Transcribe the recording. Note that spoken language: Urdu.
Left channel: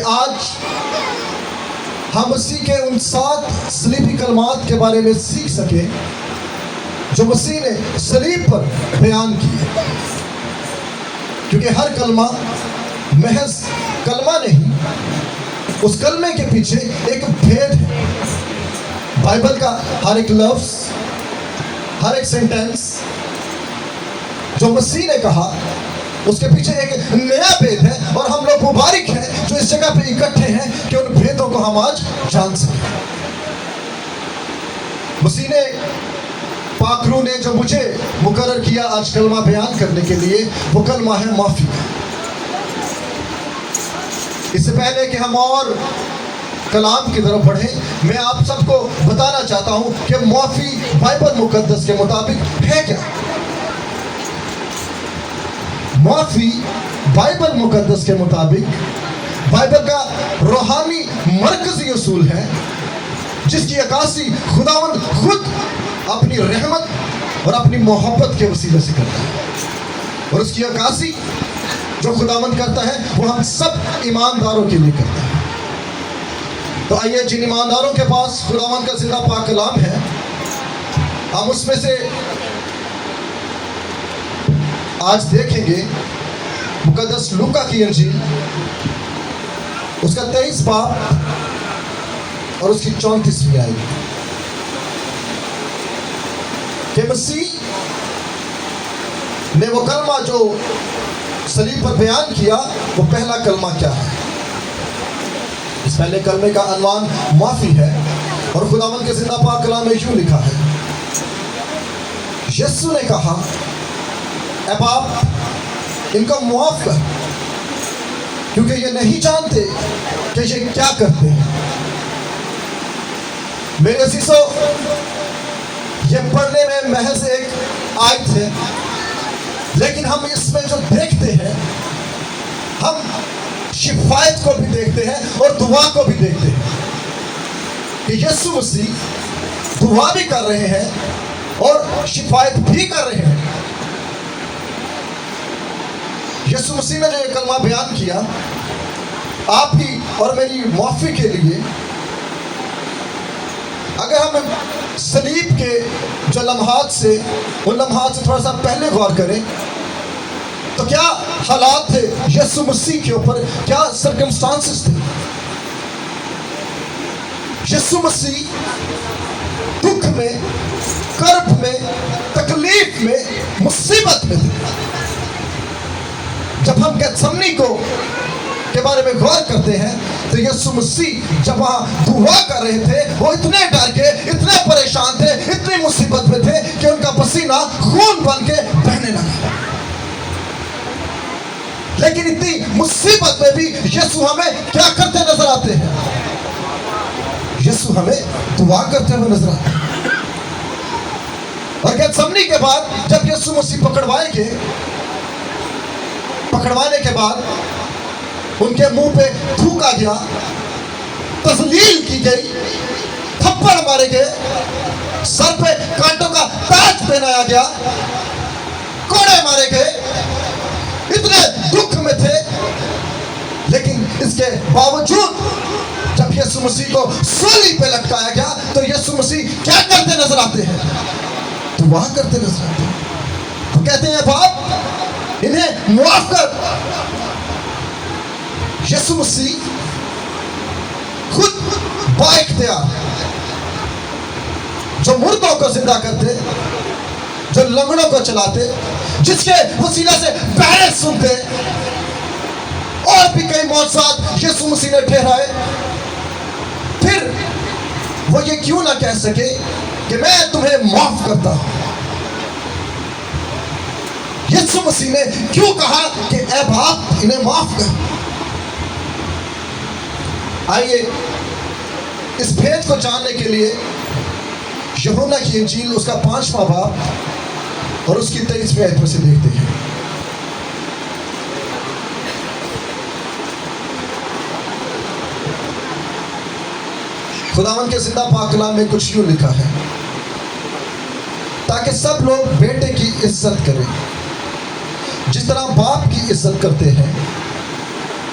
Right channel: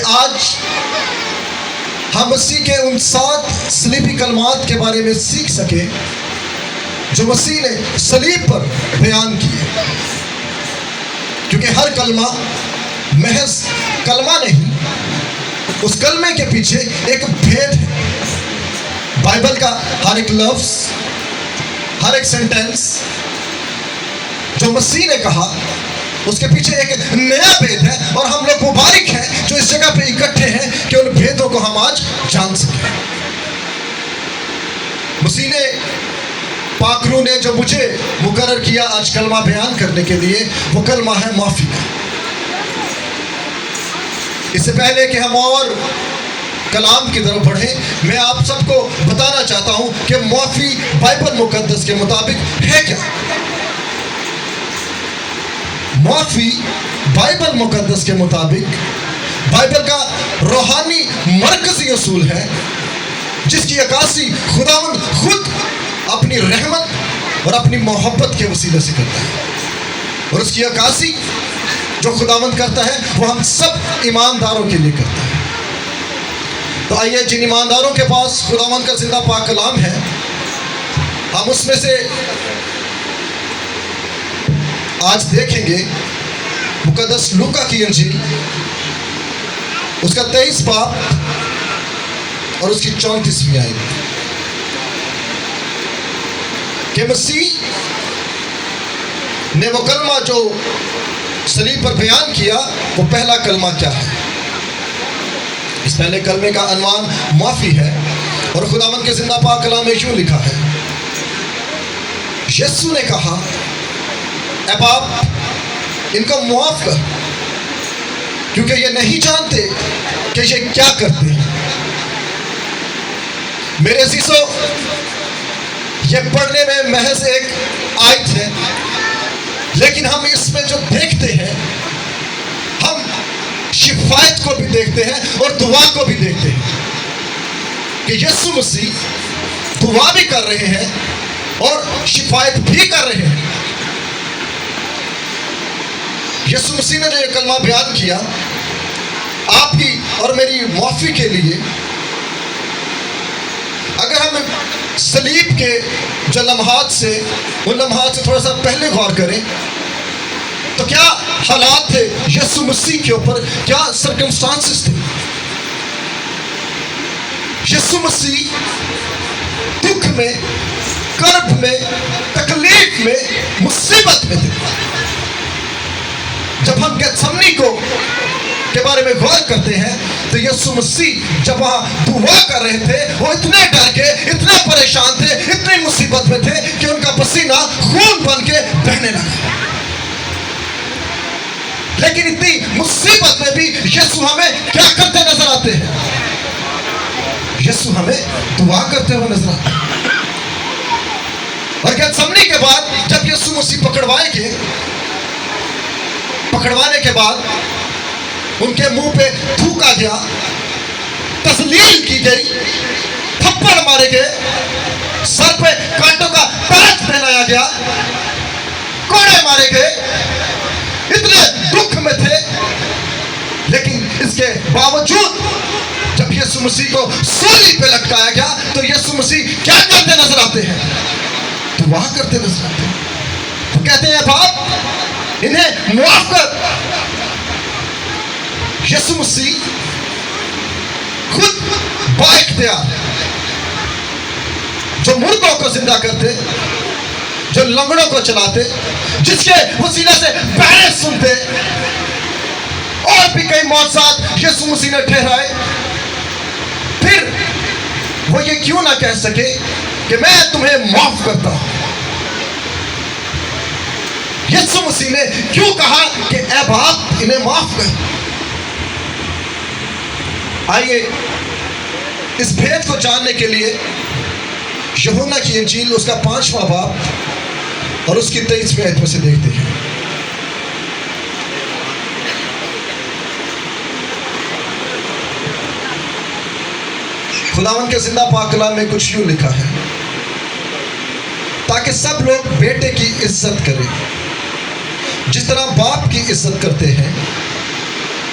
کہ آج ہم مسیح کے ان 7 صلیبی کلمات کے بارے میں سیکھ سکیں جو مسیح نے صلیب پر بیان کیے، کیونکہ ہر کلمہ محض کلمہ نہیں، اس کلمے کے پیچھے ایک بھید ہے۔ بائبل کا ہر ایک لفظ، ہر ایک سینٹنس جو مسیح نے کہا، اس کے پیچھے ایک نیا بھید ہے، اور ہم لوگ مبارک ہیں جو اس جگہ پہ اکٹھے ہیں کہ ان بھیدوں کو ہم آج جان سکیں۔ مسیح نے، پاک روح نے جو مجھے مقرر کیا آج کلمہ بیان کرنے کے لیے، وہ کلمہ ہے معافی کا۔ اس سے پہلے کہ ہم اور کلام کی طرف بڑھیں، میں آپ سب کو بتانا چاہتا ہوں کہ معافی بائبل مقدس کے مطابق ہے کیا۔ معافی بائبل مقدس کے مطابق بائبل کا روحانی مرکزی اصول ہے، جس کی عکاسی خداوند خود اپنی رحمت اور اپنی محبت کے وسیلے سے کرتا ہے، اور اس کی عکاسی جو خداوند کرتا ہے وہ ہم سب ایمانداروں کے لیے کرتا ہے۔ تو آئیے، جن ایمانداروں کے پاس خداوند کا زندہ پاک کلام ہے، ہم اس میں سے آج دیکھیں گے مقدس لوکا کی انجیل، اس کا 23 باب اور اس کی 34ویں آیت، کہ مسیح نے وہ کلمہ جو صلیب پر بیان کیا، وہ پہلا کلمہ کیا ہے۔ اس پہلے کلمے کا عنوان معافی ہے، اور خداوند کے زندہ پاک کلام میں یوں لکھا ہے، یسوع نے کہا، اے باپ، ان کو معاف کر، کیونکہ یہ نہیں جانتے کہ یہ کیا کرتے ہیں۔ میرے عزیزو، یہ پڑھنے میں محض ایک آیت ہے، لیکن ہم اس میں جو دیکھتے ہیں، ہم شفایت کو بھی دیکھتے ہیں اور دعا کو بھی دیکھتے ہیں، کہ یسوع مسیح دعا بھی کر رہے ہیں اور شفایت بھی کر رہے ہیں۔ یسوع مسیح نے جو یہ کلمہ بیان کیا آپ کی اور میری معافی کے لیے، اگر ہم صلیب کے جو لمحات سے، ان لمحات سے تھوڑا سا پہلے غور کریں، تو کیا حالات تھے یسوع مسیح کے اوپر، کیا سرکمسٹانسز تھے۔ یسوع مسیح دکھ میں، کرب میں، تکلیف میں، مصیبت میں تھے۔ جب ہم گیتسمنی کے بارے میں غور کرتے ہیں، تو یسوع مسیح جب وہاں دعا کر رہے تھے، وہ اتنے ڈر کے، اتنے پریشان تھے، اتنی مصیبت میں تھے کہ ان کا پسینہ خون بن کے بہنے لگا۔ لیکن اتنی مصیبت میں بھی یسوع ہمیں کیا کرتے نظر آتے ہیں؟ یسوع ہمیں دعا کرتے ہوئے نظر آتے ہیں۔ اور گیتسمنی کے بعد جب یسوع مسیح پکڑوانے کے بعد ان کے منہ پہ تھوکا گیا، تذلیل کی گئی، تھپڑ مارے گئے، سر پہ کانٹوں کا تاج پہنایا گیا، کوڑے مارے گئے، اتنے دکھ میں تھے، لیکن اس کے باوجود جب یسوع مسیح کو سولی پہ لٹکایا گیا، تو یسوع مسیح کیا کرتے نظر آتے ہیں؟ دعا کرتے نظر آتے ہیں۔ وہ کہتے ہیں، باپ، انہیں معاف کر۔ یسوع مسیح خود با اختیار جو مردوں کو زندہ کرتے، جو لنگڑوں کو چلاتے، جس کے وسیلے سے بہرے سنتے، اور بھی کئی معجزات یسوع مسیح نے ٹھہرائے، پھر وہ یہ کیوں نہ کہہ سکے کہ میں تمہیں معاف کرتا ہوں؟ یسوع مسیح نے کیوں کہا کہ اے باپ، انہیں معاف کر؟ آئیے اس بھید کو جاننے کے لیے یوحنا کی انجیل، اس کا 5واں باب اور اس کی 23ویں آیت میں سے دیکھتے ہیں۔ خداوند کے زندہ پاک کلام میں کچھ یوں لکھا ہے، تاکہ سب لوگ بیٹے کی عزت کریں جس طرح باپ کی عزت کرتے ہیں۔